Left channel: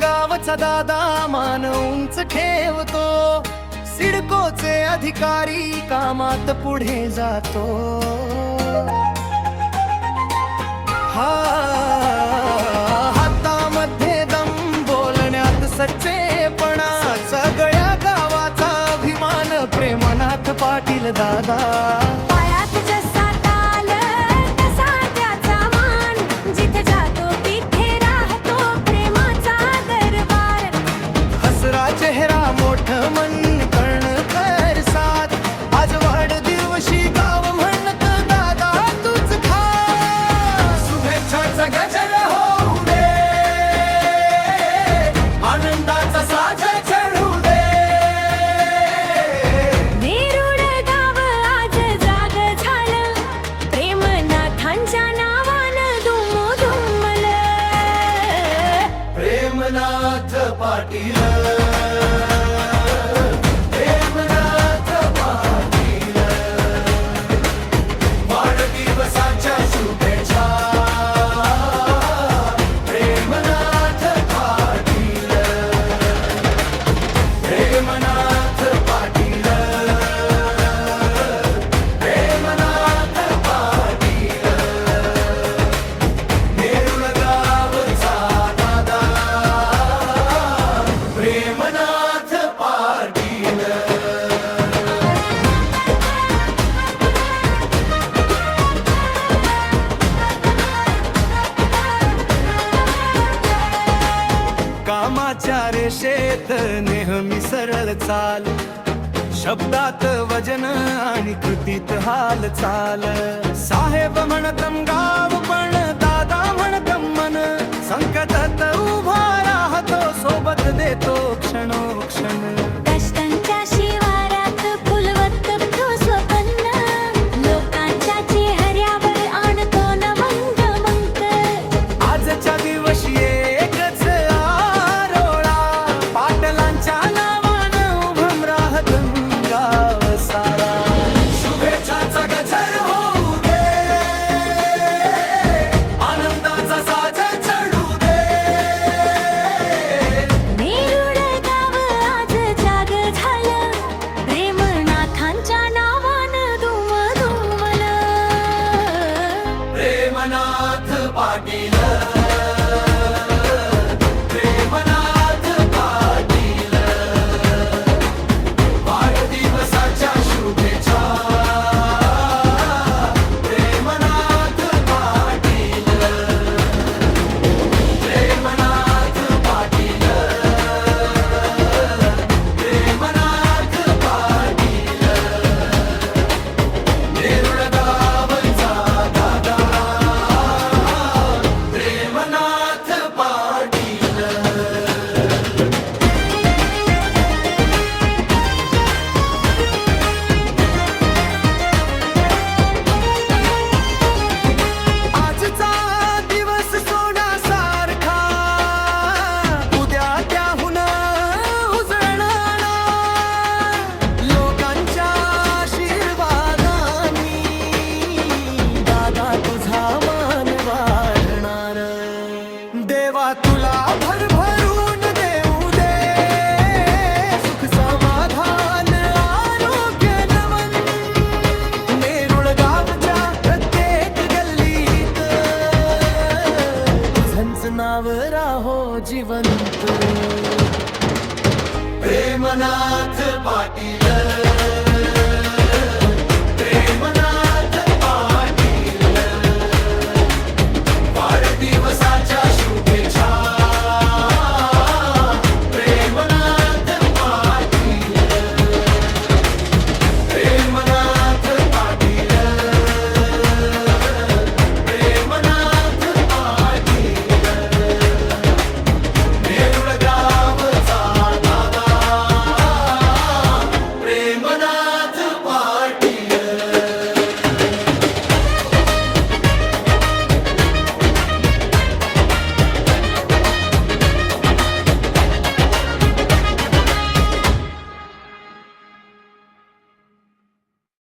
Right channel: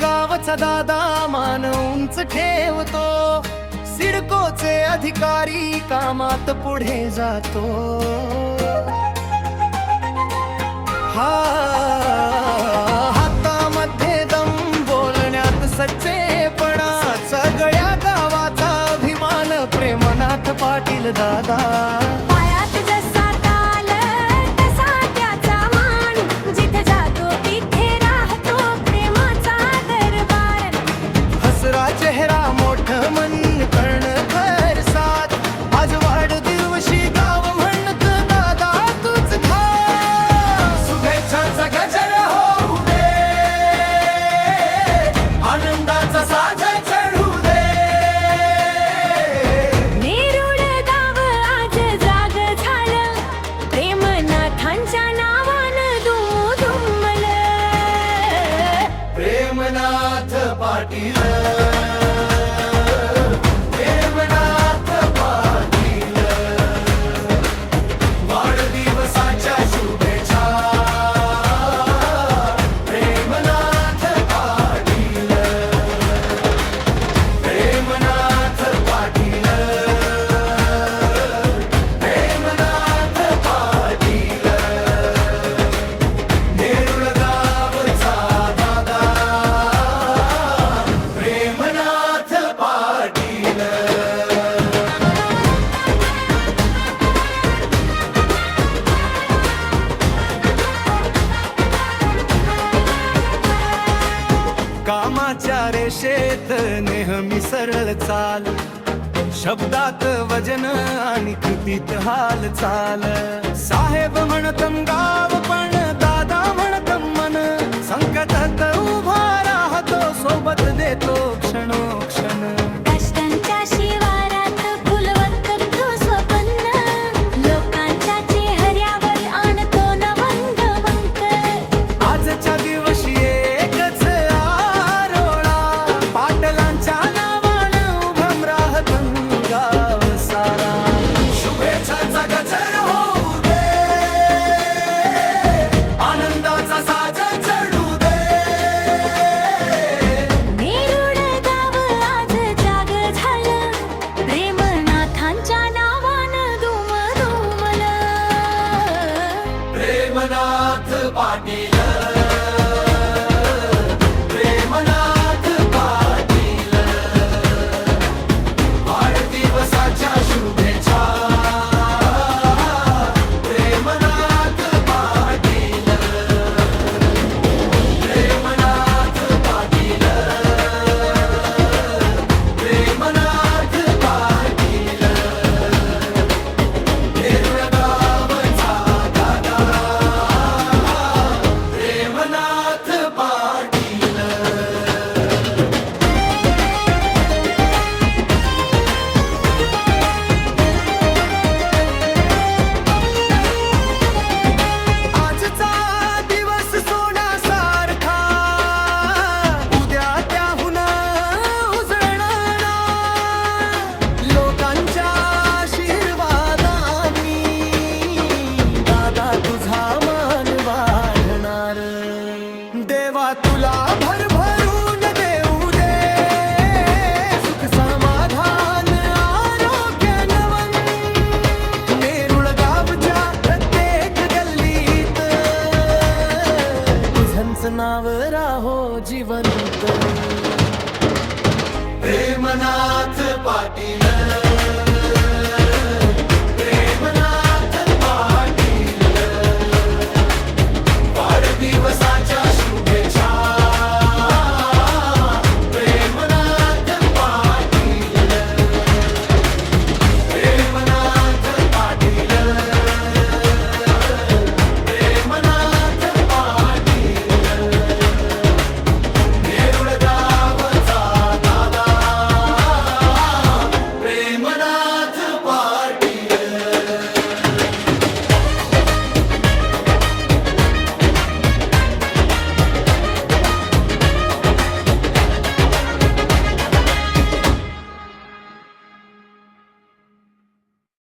गावचा दादा मान उंच ठेवतो, सिडकोचे अधिकारी कामात पुढे जातो। हातामध्ये दम, बोलण्यात सच्चेपणा, सगळ्या गावाचा अभिमान प्रेमनाथ पाटील दादा। पायात जसा ताल तसा त्याचा मान, जिथे जातो तिथे राहतो प्रेमाचा दरबार। हसरा चेहरा मोठं मन कणखर साथ, आज वाढदिवशी गाव म्हणत दादा तूच खास। शुभेच्छाचा गजर होऊ दे, आनंदाचा सागर चढू दे। नेरुळ गाव आज जाग झालं, प्रेमनाथांच्या नावानं दुमदुमलं। प्रेमनाथ पाटील, प्रेमनाथ पाटील, वाढदिवसाच्या शुभेच्छा। प्रेमनाथ पाटील, प्रेमनाथ पाटील, प्रेमनाथ पाटील, नेरुळ गावचा दादा प्रेमनाथ पाटील। कामाच्या रेषेत नेहमी सरळ चाल, शब्दात वजन आणि कृतीत हालचाल। साहेब म्हणतम गाव पण दादा म्हणतम मन, संकटात उभा राहतो सोबत देतो क्षणोक्षण। कष्टांच्या शिवारात फुलवत तो स्वप्न, लोकांच्या चेहऱ्यावर आणतो नवंग मंक। आजच्या दिवशी एकच आरोळा, पाटलांच्या नावानं उभं राहत गाव सारा। शुभेच्छाचा गजर होऊ दे, आनंदाचा सागर चढू दे। नेरुळ गाव आज जाग झालं, प्रेमनाथांच्या नावानं दुमदुमलं। प्रेमनाथ पाटील, प्रेमनाथ पाटील, वाढदिवसाच्या शुभेच्छा। प्रेमनाथ पाटील, प्रेमनाथ पाटील, प्रेमनाथ पाटील, नेरुळ गावचा दादा प्रेमनाथ पाटील। आजचा दिवस सोन्यासारखा, उद्या त्याहून उजळणार। लोकांच्या आशीर्वादांनी दादा तुझा मान वाढणार। देवा तुला भरभरून देऊ दे, सुख समाधान आरोग्य नवन। नेरुळ गावच्या प्रत्येक गल्लीत तुझंच नाव राहो जिवंत। प्रेमनाथ पाटील।